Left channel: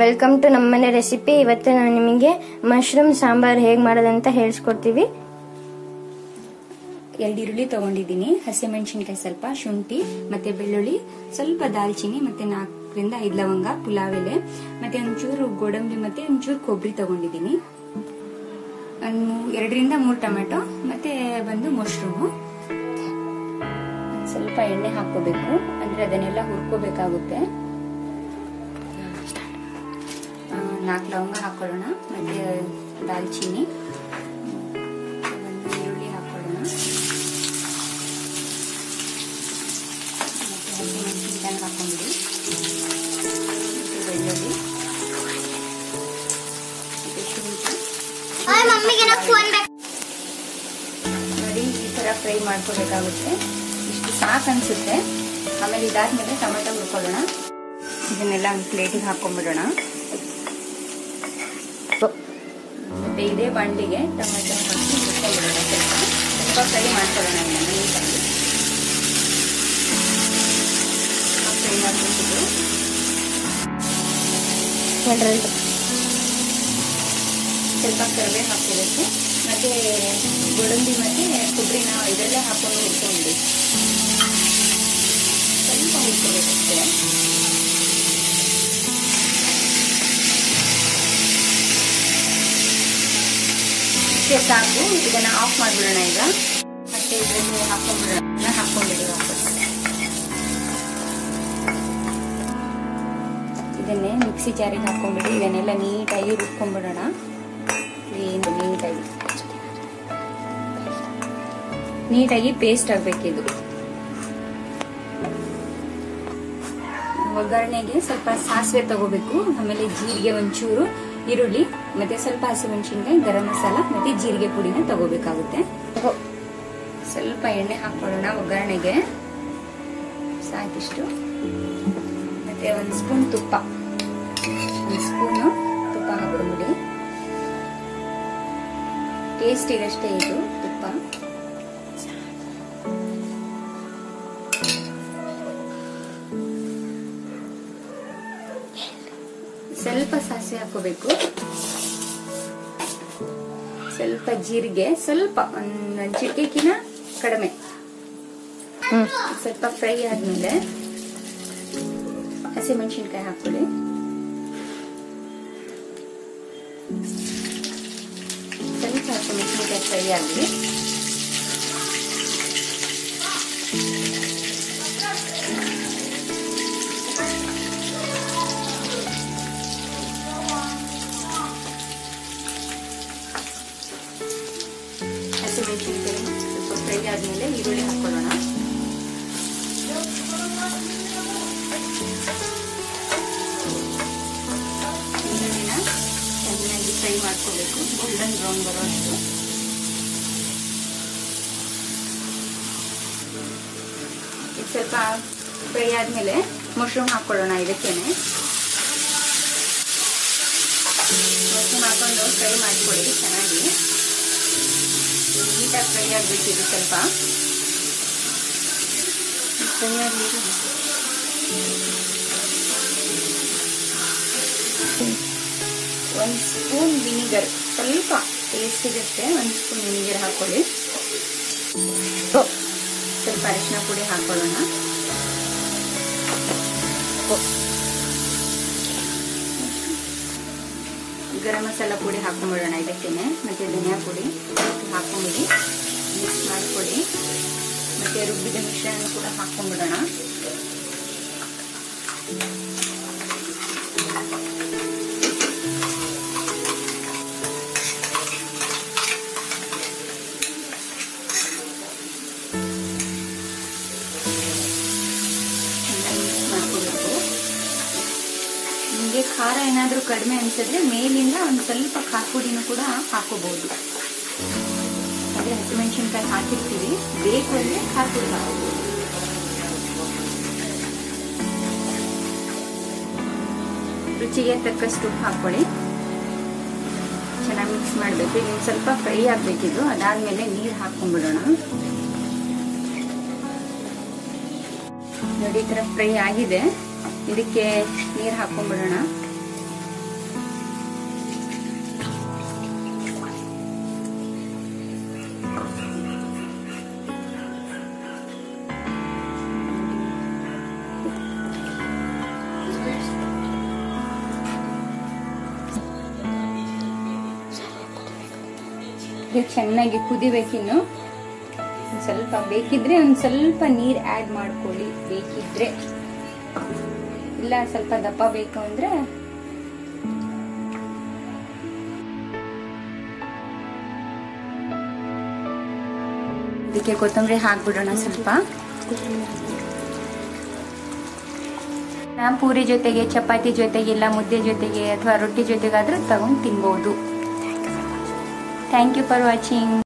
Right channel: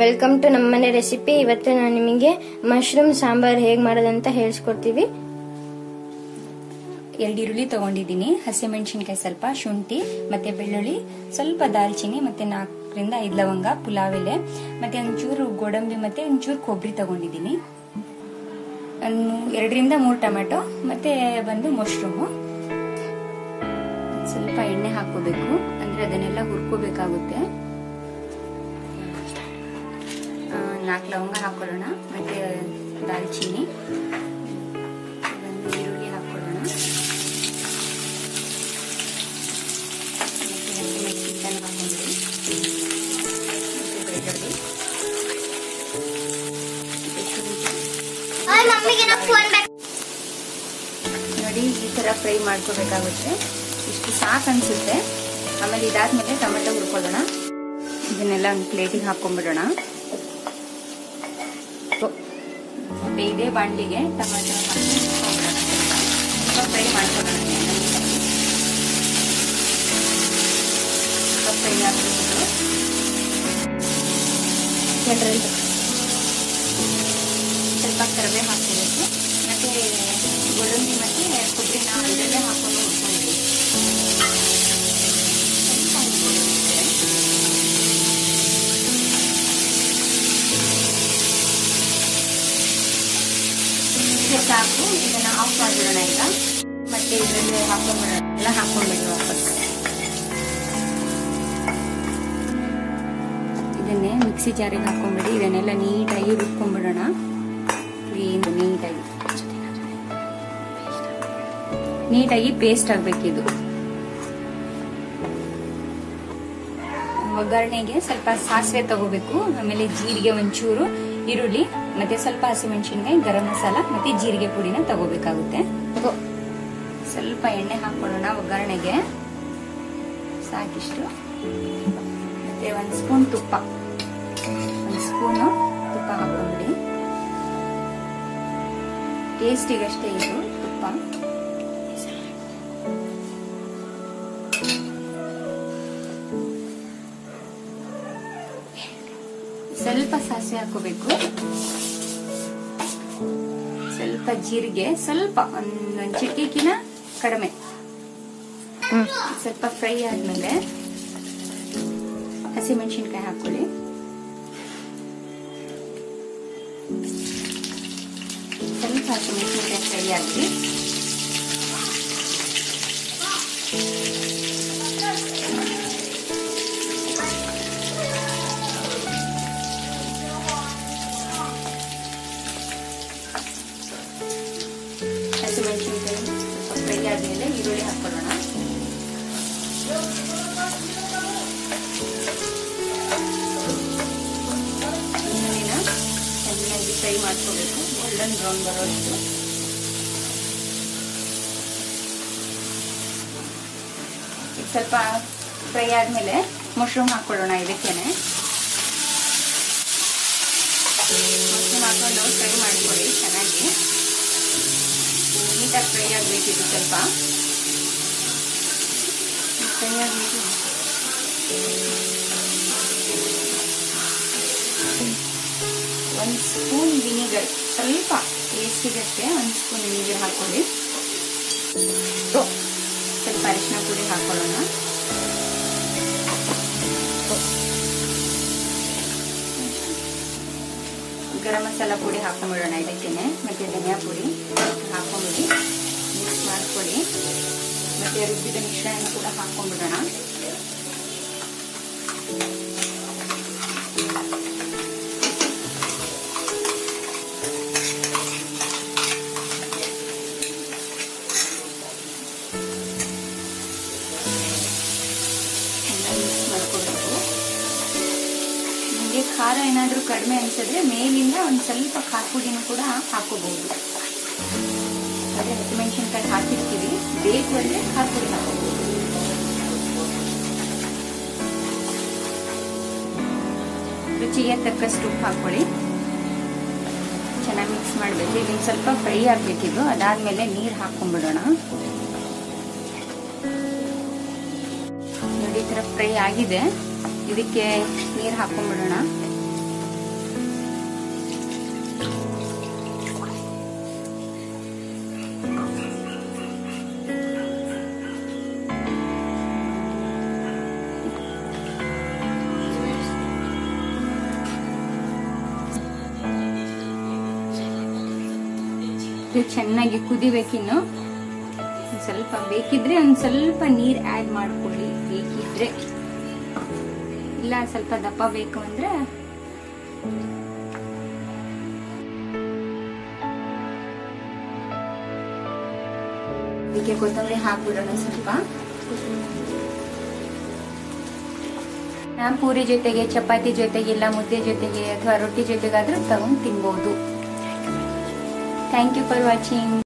Welcome to ನಮ್ಮನೆ recipe. ಇವತ್ತು ನಾನು ನಿಮಗೆ ಮಶ್ರೂಮ್ ಸಾಂಬಾರ್ ಹೇಗ್ ಮಾಡೋದಂತ ಹೇಳಿಸ್ಕೊಡ್ತೀವಿ. 2 ಈರುಳ್ಳಿ ತಗೊಂಡಿದ್ದೀನಿ, ಹಸಿಮೆಣಸಿನಕಾಯಿ ಸ್ವಲ್ಪ, ಶುಂಠಿ ಮತ್ತೆ ಬೆಳ್ಳುಳ್ಳಿ, ಸ್ವಲ್ಪ ದಾಲ್ಚಿನ್ನಿ ಮತ್ತೆ 4 ರಿಂದ 5 ಲವಂಗ, ಪುಲಾವ್ ಎಲೆ ಮತ್ತೆ ಒಂಚೂರು ಗೋಡಂಬಿ ಮತ್ತೆ ಒಂಚೂರು ಕೊಬ್ಬರಿ ತಗೊಂಡಿದ್ದೀನಿ. 2 ರಿಂದ 3 ಟೊಮೆಟೊ ಮತ್ತೆ ಒಂದು ಮಶ್ರೂಮ್. ಸ್ವಲ್ಪ ಎಣ್ಣೆ ಹಾಕೋಬೇಕು, ಅಂದ್ರೆ ಅದನ್ನೆಲ್ಲ ಹುರ್ಕೋಬೇಕಾಗುತ್ತೆ. 4 ಲವಂಗ ಹಾಕೊಳ್ಳೋಣ, ಮತ್ತೆ ದಾಲ್ಚಿನ್ನಿ, ಒಂದು ಈರುಳ್ಳಿ ಹಾಕೊಳ್ಳೋಣ, ಮತ್ತೆ ಹಸಿಮೆಣಸಿನಕಾಯಿ ಹಾಕೊಂಡಿರಿ, ಮತ್ತೆ ಬೆಳ್ಳುಳ್ಳಿ, ಮತ್ತೆ ಶುಂಠಿ ನೋಡಿ ಈ ತರ ಫ್ರೈ ಮಾಡ್ಕೋಬೇಕಾಗುತ್ತೆ. ಇಷ್ಟು ಸಾಕು ಅನ್ಸುತ್ತೆ. ಆಮೇಲೆ ಇದಾದ್ಮೇಲೆ ಟೊಮೆಟೊ ಹುರ್ಕೊಳ್ಳೋಣ. ಇದನ್ನೆಲ್ಲ ಒಂದು ಪ್ಲೇಟಿಗೆ ಹಾಕೊಂಡ್ಬಿಡೋಣ. ಮತ್ತೆ ಇದೇ ಬಾಂಡ್ಲಿಗೆ ಟೊಮೆಟೊ ಹಾಕಿ ಹುರ್ಕೊಳ್ಳೋಣ. ಸ್ವಲ್ಪ ಫ್ರೈ ಮಾಡ್ಕೊಳ್ಳೋಣ. ಸ್ವಲ್ಪ ಫ್ರೈ ಆಗ್ಬೇಕಿದೆ. ಸ್ವಲ್ಪ ಕರಿಬೇವು ಹಾಕೋಬೇಕು, ಮತ್ತೆ ಗೋಡಂಬಿ ಮತ್ತೆ ಕೊಬ್ಬರಿನ ಇದೆಲ್ಲ ಹಾಕೊಂಡು ಹುರ್ಕೊಂಡ್ಬಿಡಿ. ಸ್ವಲ್ಪ ಹುರ್ಕೋಬೇಕಷ್ಟೇ. ಇಷ್ಟೇ ಸಾಕು. ಇದನ್ನ ಆಫ್ ಮಾಡ್ಬಿಡೋಣ ಈಗ. ಮತ್ತೆ ಇದರಲ್ಲಿ ಹಾಕೊಂಡ್ಬಿಡೋಣ. ಹಾಕೊಂಡಿದ್ದೀವಿ ವಾಪಸ್. ಇದನ್ನೇ ಮಿಕ್ಸಿ ಜಾರಿಗೆ ಹಾಕೊಂಡ್ಬಿಡಿ. ಇದನ್ನೆಲ್ಲ ನೀಟಾಗಿ ರುಬ್ಕೊಂಡ್ಬಿಡೋಣ. ನೀಟಾಗಿ ಪೇಸ್ಟ್ ಆಗ್ಬೇಕಿದು. ಒಗ್ಗರಣೆಗೆ ಸ್ವಲ್ಪ ಸಾಸಿವೆ ತಗೋಬೇಕು, ಆಮೇಲೆ ಜೀರಿಗೆ ಒಂಚೂರು, ಈರುಳ್ಳಿ ಮತ್ತೆ ಸ್ವಲ್ಪ ಹಸಿಮೆಣಸಿನಕಾಯಿ, ಗರಂ ಮಸಾಲ ಮತ್ತೆ ಜೀರಿಗೆ ಪುಡಿನ ತಗೋಬೇಕಾಗುತ್ತೆ. ಸ್ವಲ್ಪ ಎಣ್ಣೆ ಹಾಕೊಳ್ಳೋಣ ಒಗ್ಗರಣೆಗೆ, ಸಾಕಿಷ್ಟು. ಮತ್ತೆ 1 ಸ್ಪೂನ್ ತುಪ್ಪ, 1 ಸ್ಪೂನ್ ತುಪ್ಪ ಹಾಕೊಂಡ್ಬಿಡಿ. ಟೇಸ್ಟಿಗಷ್ಟೇ ಇದು ತುಪ್ಪ. ಸ್ವಲ್ಪ ಸಾಸಿವೆ ಹಾಕೋಬೇಕು, ಸ್ವಲ್ಪ ಜೀರಿಗೆ, ಸ್ವಲ್ಪ ಒಂದು ಚಿಟಿಕಿನ ಕಡಿಮೆ. ಸ್ವಲ್ಪ ಫ್ರೈ ಆದ್ಮೇಲೆ ಹಸಿಮೆಣಸಿನಕಾಯಿ ಹಾಕೊಳ್ಳಿ. ಸ್ವಲ್ಪ ಹಸಿಮೆಣಸಿನಕಾಯಿ ಫ್ರೈ ಆಗಲಿ. ಹಸಿಮೆಣಸಿನಕಾಯಿ ಸ್ವಲ್ಪ ಫ್ರೈ ಆದ್ಮೇಲೆ ಈರುಳ್ಳಿ ಹಾಕೊಳ್ಳೋಣ. ಈರುಳ್ಳಿನ ಚೆನ್ನಾಗಿ ಫ್ರೈ ಮಾಡ್ಕೋಬೇಕು, ಗೋಲ್ಡನ್ ಬ್ರೌನ್ ಬರೋಷ್ಟು. ಸ್ವಲ್ಪ ಫ್ರೈ ಆದ್ಮೇಲೆ ಮಶ್ರೂಮ್ ಹಾಕೊಳ್ಳೋಣ. ಇದಕ್ಕೇನೆ ಮಶ್ರೂಮ್ ಹಾಕೊಂಡು ಫ್ರೈ ಮಾಡ್ಕೊಳ್ಳಿ ಚೆನ್ನಾಗಿ. ನೀಟಾಗಿ ಫ್ರೈ ಆಗ್ಬೇಕಿದು. ಸ್ವಲ್ಪ ಫ್ರೈ ಆಗಲಿಕ್ಕೆ 1 ಸ್ಪೂನ್ ವಿನಿಗರ್, ಸ್ವಲ್ಪ ಟೇಸ್ಟಿಗಷ್ಟೇ 1 ಸ್ಪೂನ್ ವಿನಿಗರ್ ಹಾಕೊಳ್ಳಿ. ಸ್ವಲ್ಪ ಅರಿಶಿನ ಪುಡಿ ಹಾಕೊಳ್ಳೋಣ. ಗರಂ ಮಸಾಲ ಪುಡಿ ಹಾಕೊಂಡ್ಬಿಡೋಣ ಇದಕ್ಕೇನೆ, ಮತ್ತೆ ಧನಿಯಾ ಪುಡಿ ಹಾಕೊಂಡ್ಬಿಡಿ, ಮಿಕ್ಸ್ ಮಾಡ್ಕೊಳ್ಳಿ. ಮತ್ತೆ ರುಬ್ಬಿದ ಮಿಶ್ರಣ ಕೂಡ ಹಾಕೊಂಡ್ಬಿಡೋಣ. ಮಿಕ್ಸ್ ಮಾಡ್ಕೋಬೇಕು. ನಿಮಗೆ ಖಾರ ಏನಾದ್ರೂ ಕಡಿಮೆ ಅನ್ಸಿದ್ರೆ ಮೇಲಿಂದ ಒಂದ್ ಸ್ವಲ್ಪ ಖಾರ ಪುಡಿನೂ ಕೂಡ ಹಾಕೋಬಹುದು. ಆದ್ರೆ ಹಸಿಮೆಣಸಿನಕಾಯಿ ಹಾಕಿರ್ತೀವಿ, ಬೇಕು ಅಂದ್ರೆ ಖಾರ ಪುಡಿ ಹಾಕೋಬಹುದು. ರುಚಿಗೆ ತಕ್ಕಷ್ಟು ಉಪ್ಪು ಹಾಕೊಳ್ಳಿ. ಚೆನ್ನಾಗಿ ಮಿಕ್ಸ್ ಮಾಡಬೇಕು. ಇದನ್ನ ಸ್ವಲ್ಪ ಫ್ರೈ ಆಗ್ಬೇಕಿದು. ಅದಾದ್ಮೇಲೆ ನೀರು ಹಾಕೊಂಡ್ಬಿಡೋಣ. ನೋಡಿ ಈ ತರ ಫ್ರೈ ಆಗಿದೆ. ಇದಕ್ಕೆ ನೀರು ಹಾಕೊಂಡ್ಬಿಡೋಣ. ಇದು ಚೆನ್ನಾಗಿ ಕುದಿಬೇಕಿನ್ನು. ಒಂದ್ ಸ್ವಲ್ಪ ಬೇಕಿದ್ರೆ ಒಂದ್ ಸ್ವಲ್ಪ ನೀರ್ ಆಡ್ ಮಾಡ್ಕೊಳ್ಳಿ ಬೇಕಿದ್ರೆ, ಇಲ್ಲ ಸ್ವಲ್ಪ ದಪ್ಪ ಬೇಕು ಅಂದ್ರೆ ಇದಕ್ಕೆ ಕೊತ್ತಂಬರಿ ಹಾಕ್ಬಿಡೋಣ ಸ್ವಲ್ಪ. ಪೂರಿ ಜೊತೆಗೆ, ಚಪಾತಿ ಜೊತೆಗೆ, ಇಲ್ಲ ಮುದ್ದೆ ಜೊತೆಗೆ ಅಥವಾ ರೊಟ್ಟಿ ಜೊತೆಗಾದ್ರೂ ತಗೊಂಡು ತಿನ್ಬಹುದು. Thank you for watching.